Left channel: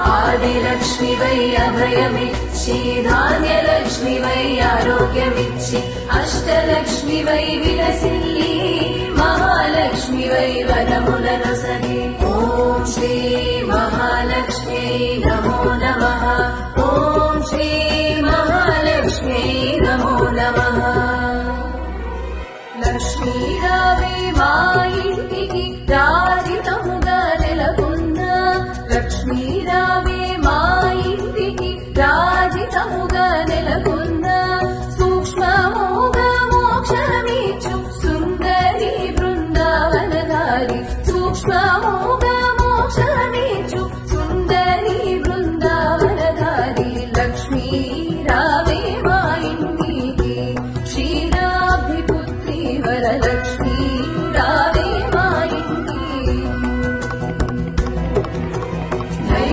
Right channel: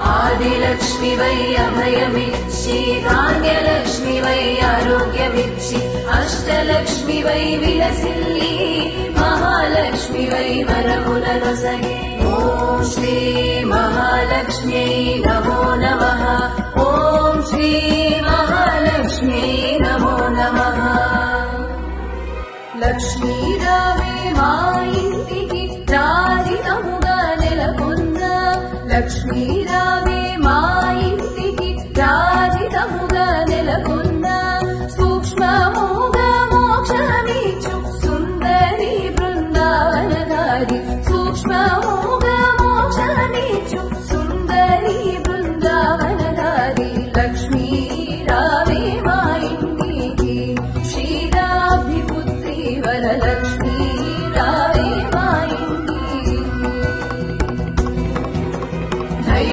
ఆదిలక్ష్మి వై అభయమిచ్చి, ధాన్యలక్ష్మి వై ఆరోగ్యమిచ్చి, అష్టలక్ష్మి వై విలసిల్లి, మహాలక్ష్మి వై వరములనొసగే. ఓం శ్రీ మహాలక్ష్మ్యై నమో నమః. ఓం శ్రీ మహాలక్ష్మ్యై నమో నమః. లక్ష్మీ రావే మా ఇంటికి, రాజితముగా నెలకొన్న లక్ష్మీ రావే మా ఇంటికి.